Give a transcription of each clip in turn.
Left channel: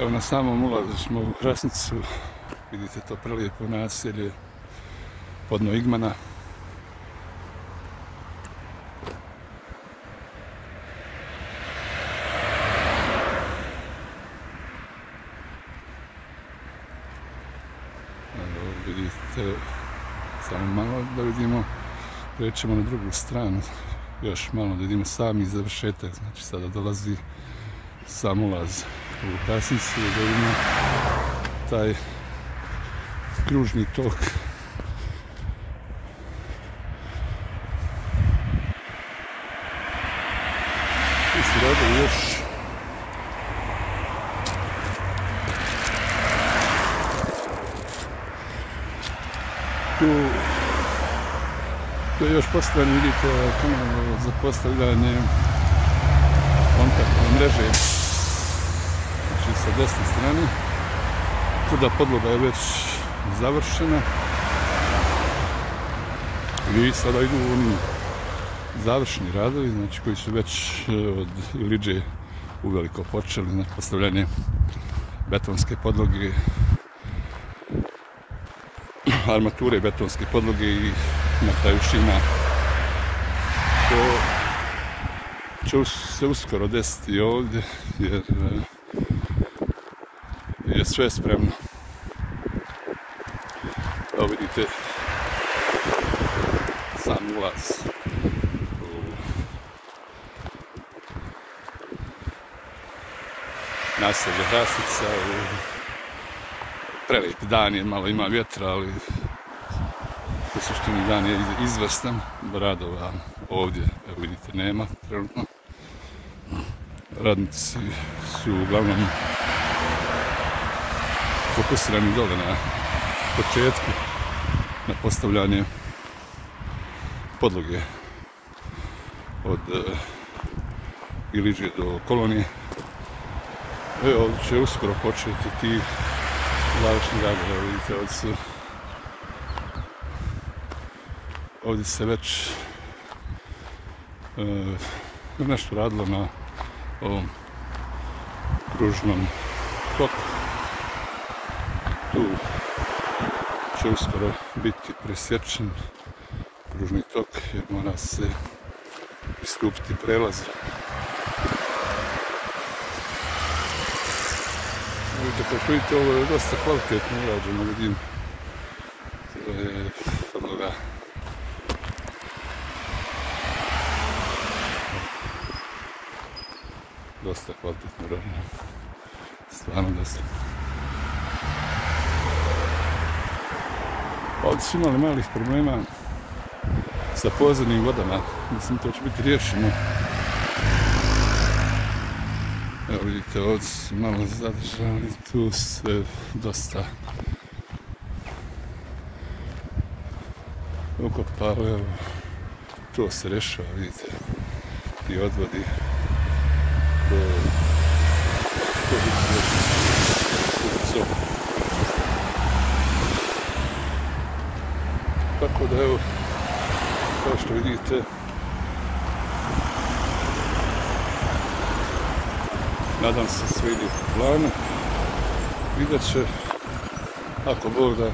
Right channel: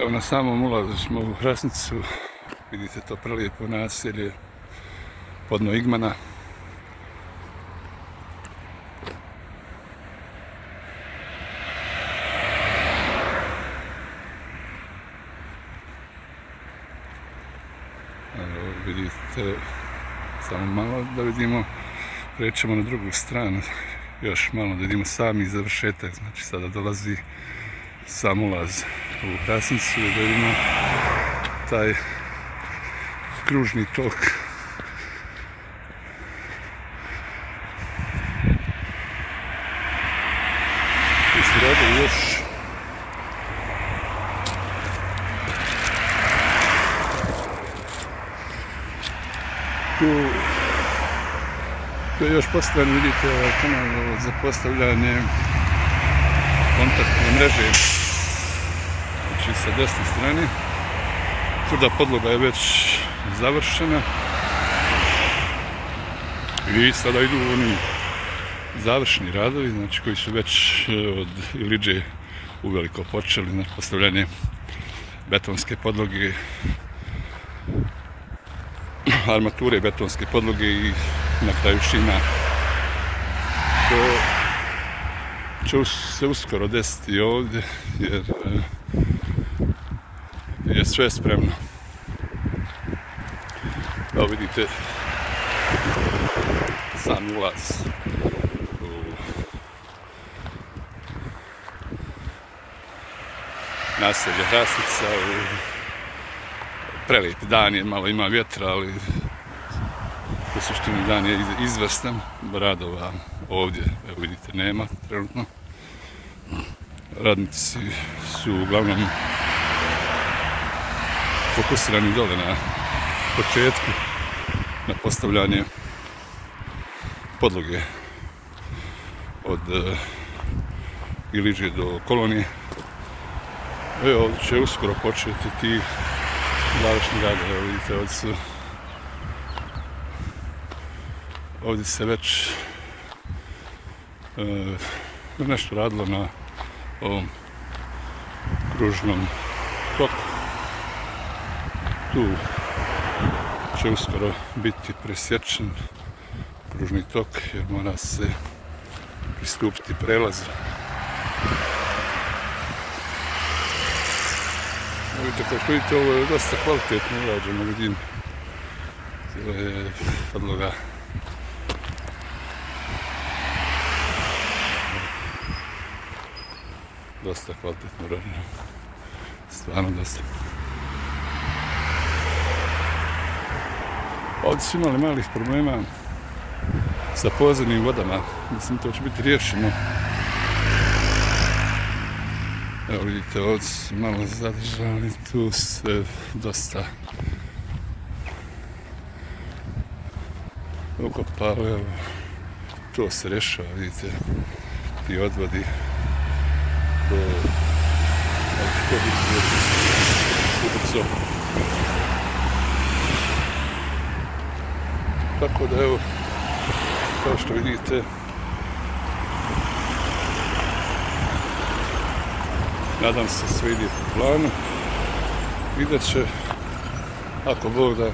Evo na samom ulazu smo u Hrasnicu, vidite to prelijepo naselje podno Igmana. Evo, vidite, samo malo da vidimo, prećemo na drugu stranu, još malo da vidimo sami završetak, znači sada dolazi sam ulaz u Hrasnicu, da vidimo taj kružni tok. Tu su radovi još. Tu je još postavljan, vidite ovaj kanal za postavljanje kontaktne mreže, znači sa desne strane. Tvrda podloga je već završena i sada idu oni završni radovi, znači koji su već od Ilidže uveliko počeli, znači postavljanje betonske podloge, armature betonske podloge i na kraju šina. To će se uskoro desiti ovdje jer je sve spremno. Evo vidite sam ulaz u naselje Hrasnica. Prelijep dan je, malo ima vjetra, ali u suštini dan je izvrstan. Radova ovdje, evo vidite, nema trenutno. Radnici su uglavnom fokusirani dole na početku, na postavljanje podloge od Ilidže do kolonije. Evo, ovdje će uskoro početi ti završni radovi. Evo vidite, ovdje se već nešto radilo na ovom kružnom toku. Tu će uskoro biti presječen kružni tok jer mora se pristupiti prelazu. Vidite, kao što vidite, ovo je dosta kvalitetno urađeno, vidim. To je podloga. Dosta kvalitetno urađeno. Stvarno dosta. Ovdje su imali malih problema sa podzemnim vodama. Mislim, to će biti riješeno. Evo vidite, ovdje su malo zadržali, tu se dosta ukopalo, evo, to se rešava, vidite, ti odvodi, to biti rješeno ubrzo. Tako da, evo, kao što vidite, nadam se sve ide po planu i da će, ako Bog da,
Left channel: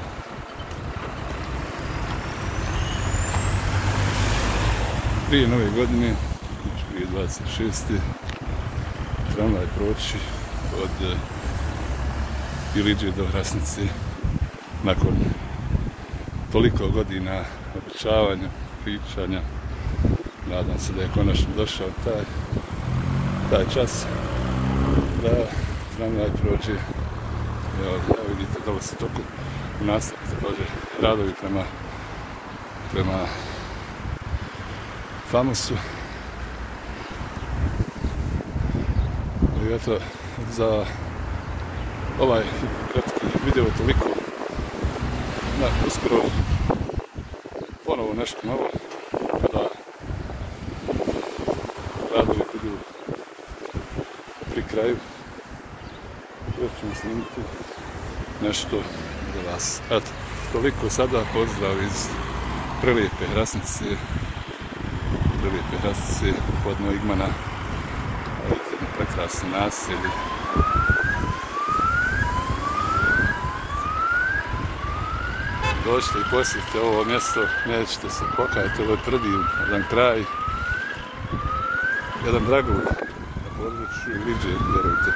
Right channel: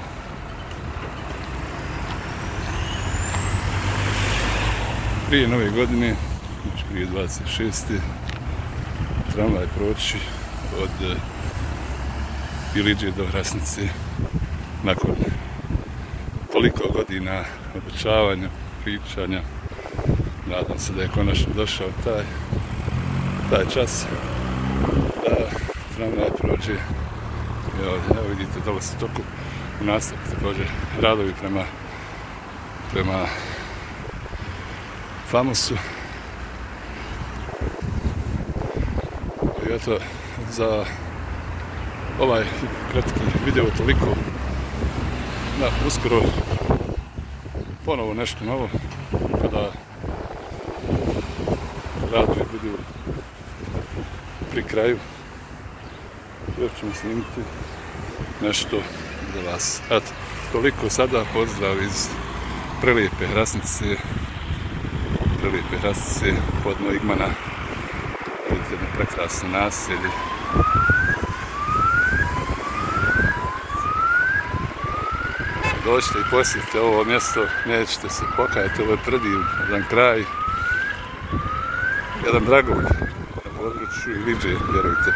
prije nove godine, znači prije 26. tramvaj proći od Ilidže do Hrasnice nakon toliko godina obećavanja, pričanja. Nadam se da je konačno došao taj čas da tramvaj prođe. Evo vidite, dole se toku u nastavku također radovi prema Famosu. I eto, za ovaj kratki video toliko. Uskoro ponovo nešto novo kada radovi budu pri kraju. Još ćemo snimiti nešto za vas. Eto, toliko sada, pozdrav iz prelijepe Hrasnice. Prelijepe Hrasnice podno Igmana. Vidite jedno prekrasno naselje. dođite i posjetite ovo mjesto, nećete se pokajati, ovo je prediv, jedan kraj, jedan dragulj na području Ilidžije, vjerujte.